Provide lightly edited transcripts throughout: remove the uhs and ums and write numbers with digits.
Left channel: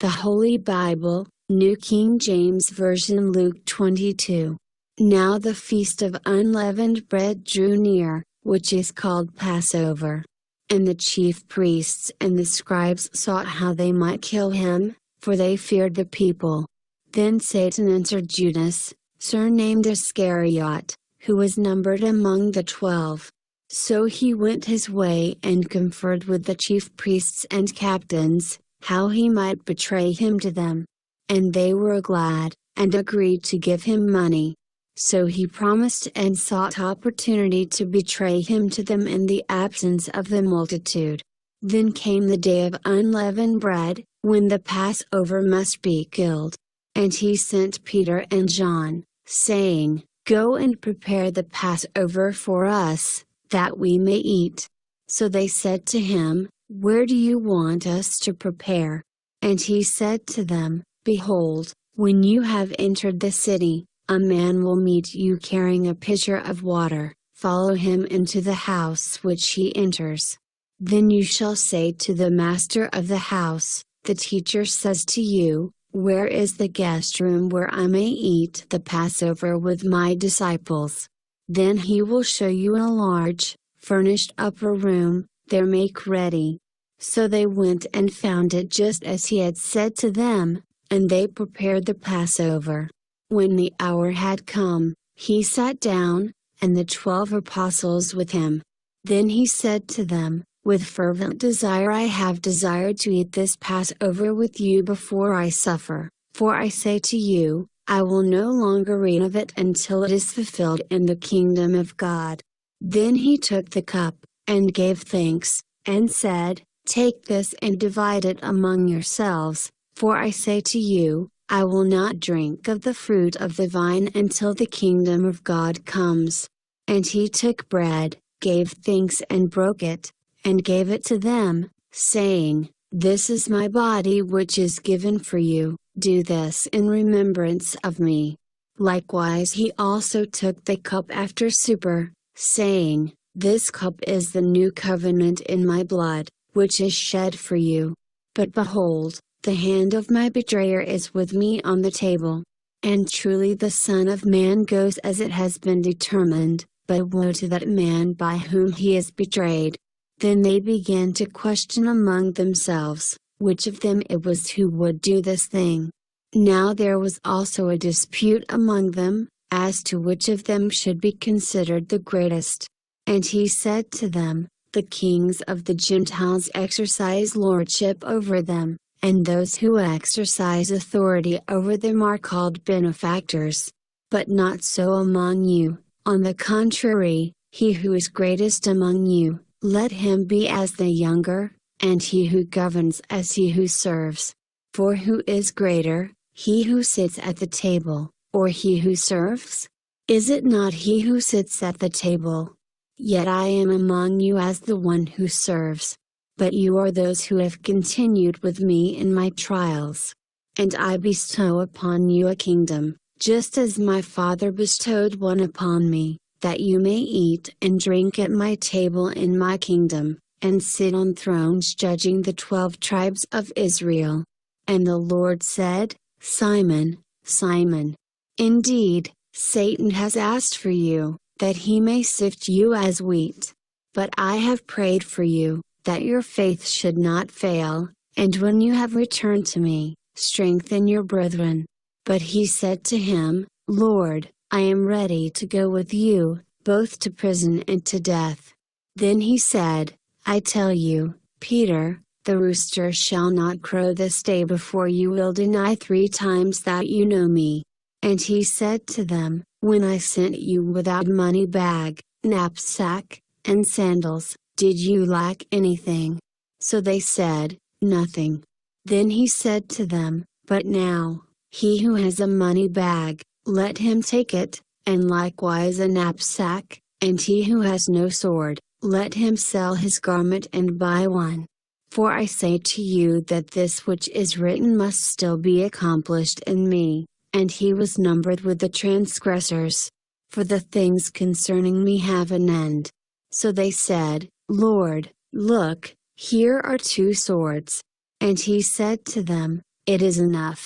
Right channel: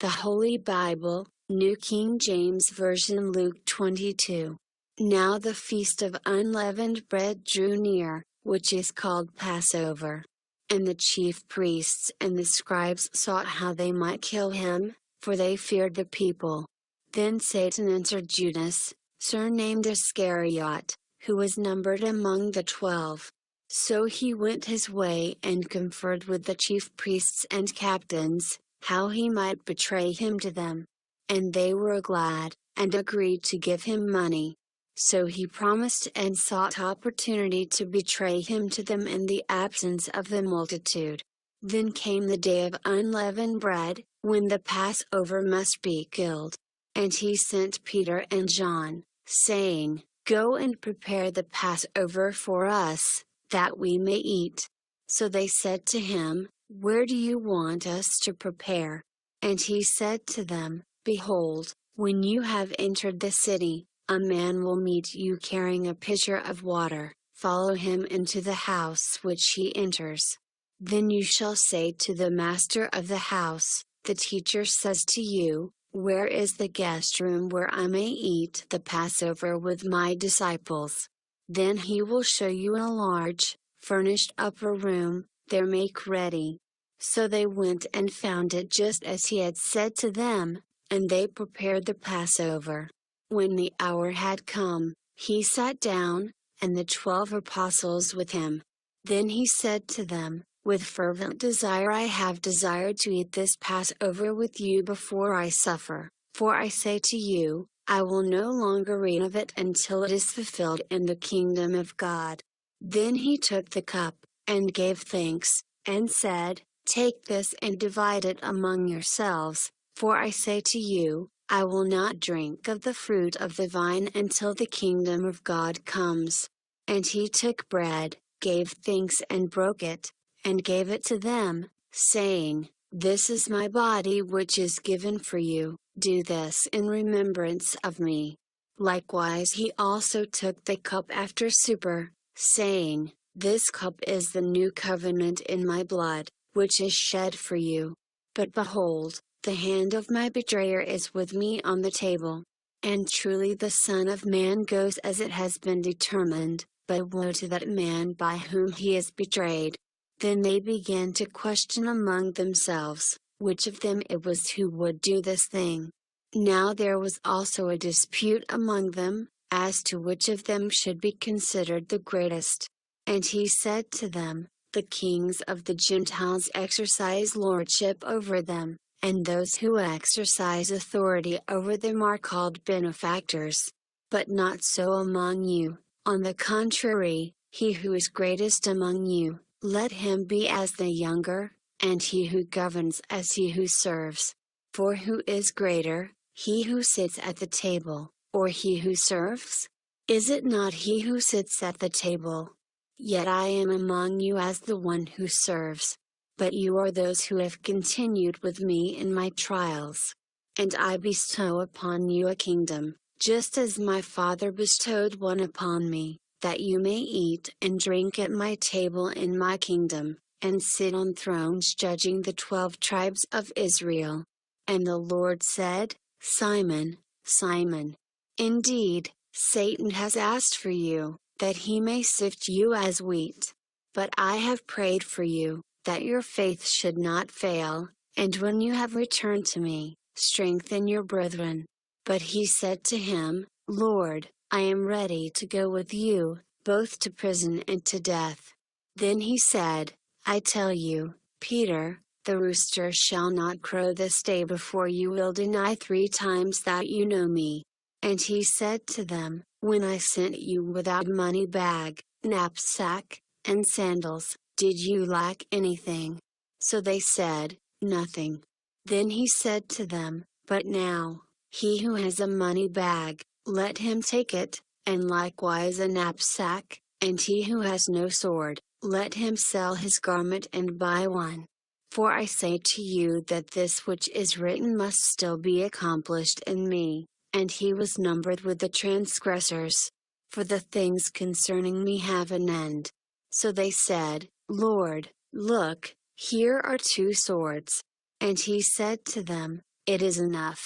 The Holy Bible, New King James Version, Luke 22. Now the feast of unleavened bread drew near, which is called Passover. And the chief priests and the scribes sought how they might kill him, for they feared the people. Then Satan entered Judas, surnamed Iscariot, who was numbered among the 12. So he went his way and conferred with the chief priests and captains, how he might betray him to them. And they were glad, and agreed to give him money. So he promised and sought opportunity to betray him to them in the absence of the multitude. Then came the day of unleavened bread, when the Passover must be killed. And he sent Peter and John, saying, Go and prepare the Passover for us, that we may eat. So they said to him, Where do you want us to prepare? And he said to them, Behold, when you have entered the city, a man will meet you carrying a pitcher of water. Follow him into the house which he enters. Then you shall say to the master of the house, The teacher says to you, Where is the guest room where I may eat the Passover with my disciples? Then he will show you a large, furnished upper room. There make ready. So they went and found it just as he had said to them, and they prepared the Passover. When the hour had come, he sat down, and the 12 apostles with him. Then he said to them, With fervent desire I have desired to eat this Passover with you before I suffer, for I say to you, I will no longer eat of it until it is fulfilled in the kingdom of God. Then he took the cup, and gave thanks, and said, Take this and divide it among yourselves, for I say to you, I will not drink of the fruit of the vine until the kingdom of God comes. And he took bread, gave thanks and broke it, and gave it to them, saying, This is my body which is given for you, do this in remembrance of me. Likewise he also took the cup after supper, saying, This cup is the new covenant in my blood, which is shed for you. But behold, the hand of my betrayer is with me on the table. And truly the Son of Man goes as it has been determined, but woe to that man by whom he is betrayed. Then they began to question among themselves, which of them it was who would do this thing. Now there was also a dispute among them, as to which of them should be considered the greatest. And he said to them, The kings of the Gentiles exercise lordship over them, and those who exercise authority over them are called benefactors. But not so among you, on the contrary, he who is greatest among you, let him be as the younger, and he who governs as he who serves. For who is greater, he who sits at the table, or he who serves? Is it not he who sits at the table? Yet I am among you as the one who serves. But you are those who have continued with me in my trials. And I bestow upon you a kingdom, just as my Father bestowed one upon me, that you may eat and drink at my table in my kingdom, and sit on thrones judging the 12 tribes of Israel. And the Lord said, Simon, Simon, indeed, Satan has asked for you, that he may sift you as wheat. But I have prayed for you, that your faith should not fail, and when you have returned to me, strengthen your brethren. But he said to him, Lord, I am ready to go with you, both to prison and to death. Then he said, I tell you, Peter, the rooster shall not crow this day before you will deny 3 times that you know me. And he said to them, When I sent you without money bag, knapsack, and sandals, did you lack anything? So they said, Nothing. Then he said to them, But now, he who has a money bag, let him take it, and likewise a knapsack, and he who has no sword, let him sell his garment and buy one. For I say to you that this which is written must still be accomplished in me. And he was numbered with the transgressors. For the things concerning me have an end. So they said, Lord, look, here are 2 swords. And he said to them, It is enough."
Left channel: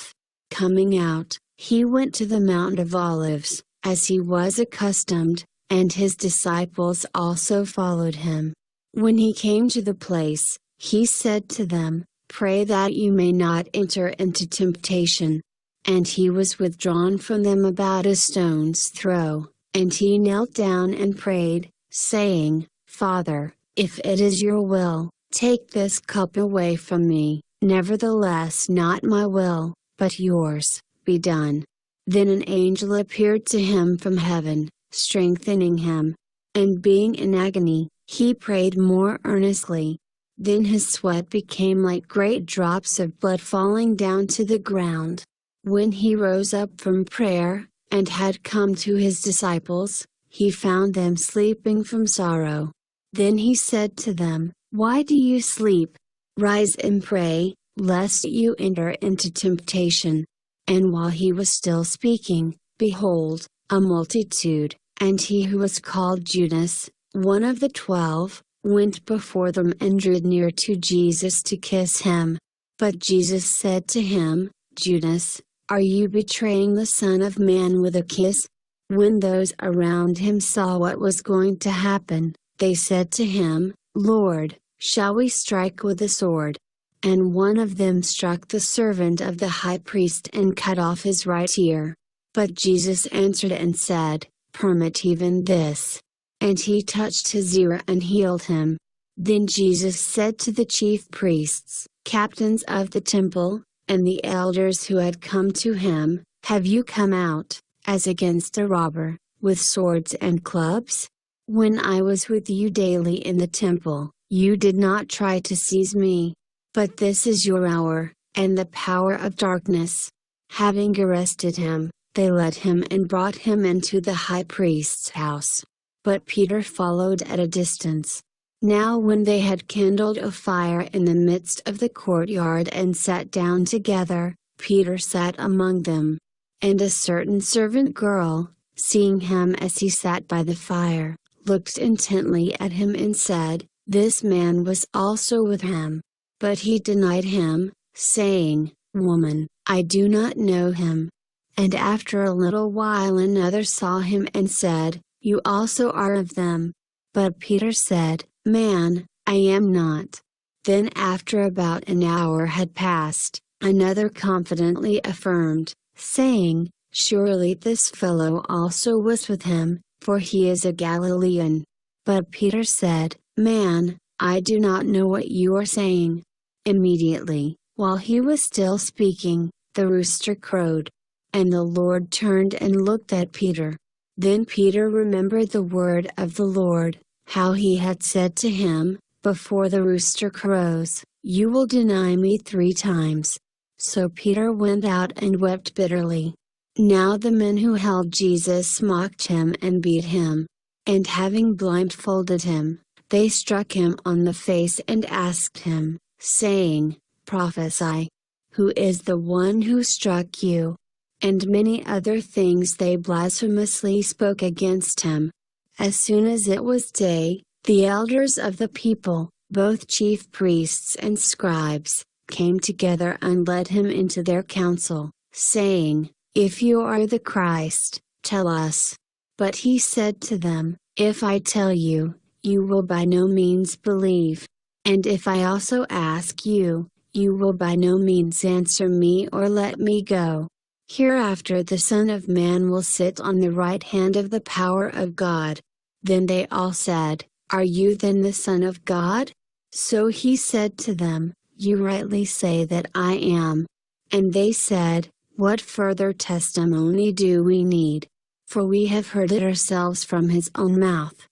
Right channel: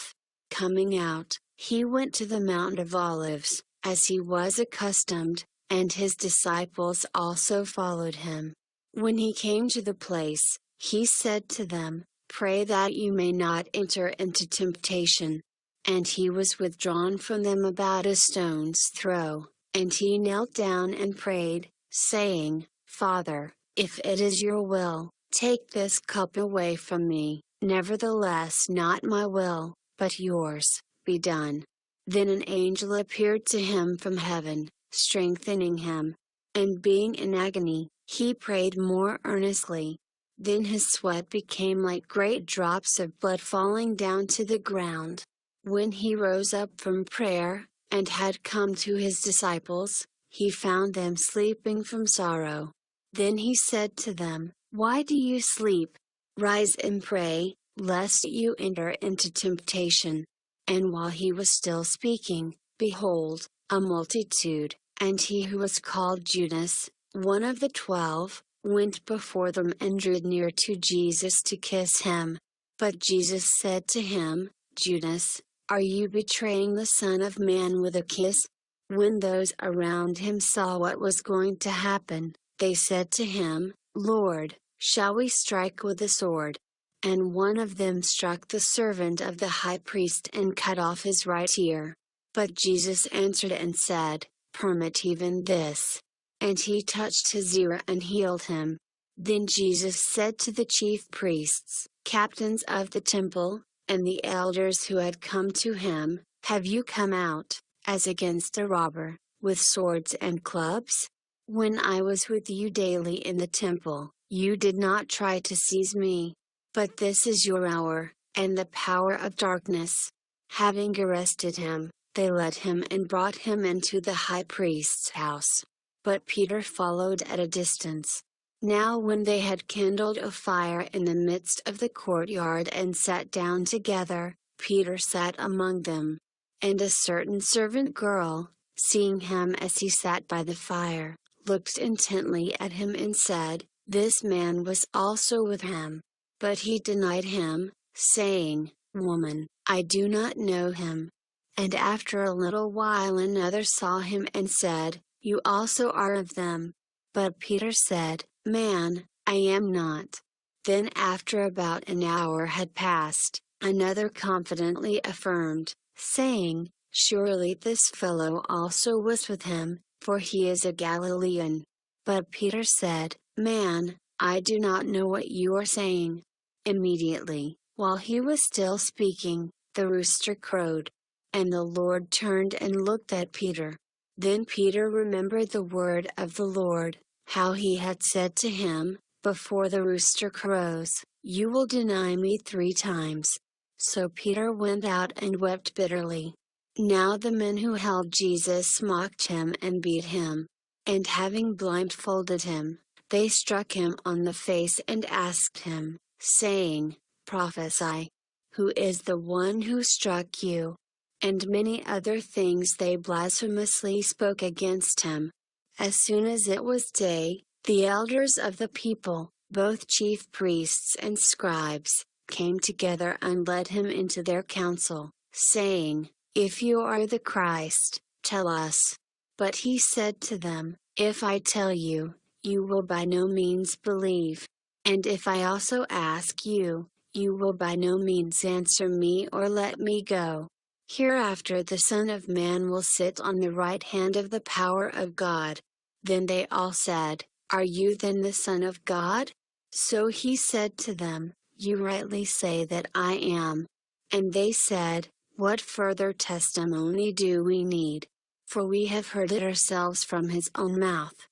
Coming out, he went to the Mount of Olives, as he was accustomed, and his disciples also followed him. When he came to the place, he said to them, "Pray that you may not enter into temptation." And he was withdrawn from them about a stone's throw, and he knelt down and prayed, saying, "Father, if it is your will, take this cup away from me, nevertheless not my will, but yours, be done." Then an angel appeared to him from heaven, strengthening him. And being in agony, he prayed more earnestly. Then his sweat became like great drops of blood falling down to the ground. When he rose up from prayer, and had come to his disciples, he found them sleeping from sorrow. Then he said to them, "Why do you sleep? Rise and pray, lest you enter into temptation." And while he was still speaking, behold, a multitude, and he who was called Judas, one of the 12, went before them and drew near to Jesus to kiss him. But Jesus said to him, "Judas, are you betraying the Son of Man with a kiss?" When those around him saw what was going to happen, they said to him, "Lord, shall we strike with the sword?" And one of them struck the servant of the high priest and cut off his right ear. But Jesus answered and said, "Permit even this." And he touched his ear and healed him. Then Jesus said to the chief priests, captains of the temple, and the elders who had come to him, "Have you come out, as against a robber, with swords and clubs? When I was with you daily in the temple, you did not try to seize me. But this is your hour, and the power of darkness." Having arrested him, they led him and brought him into the high priest's house. But Peter followed at a distance. Now when they had kindled a fire in the midst of the courtyard and sat down together, Peter sat among them. And a certain servant girl, seeing him as he sat by the fire, looked intently at him and said, "This man was also with him." But he denied him, saying, "Woman, I do not know him." And after a little while another saw him and said, "You also are of them." But Peter said, "Man, I am not." Then after about an hour had passed, another confidently affirmed, saying, "Surely this fellow also was with him, for he is a Galilean." But Peter said, "Man, I do not know what you are saying." Immediately, while he was still speaking, the rooster crowed. And the Lord turned and looked at Peter. Then Peter remembered the word of the Lord, how he had said to him, "Before the rooster crows, you will deny me 3 times." So Peter went out and wept bitterly. Now the men who held Jesus mocked him and beat him. And having blindfolded him, they struck him on the face and asked him, saying, "Prophesy. Who is the one who struck you?" And many other things they blasphemously spoke against him. As soon as it was day, the elders of the people, both chief priests and scribes, came together and led him into their council, saying, "If you are the Christ, tell us." But he said to them, "If I tell you, you will by no means believe. And if I also ask you, you will by no means answer me or let me go. Hereafter the Son of Man will sit on the right hand of the power of God." Then they all said, "Are you then the Son of God?" So he said to them, "You rightly say that I am." And they said, "What further testimony do we need? For we have heard it ourselves from his own mouth."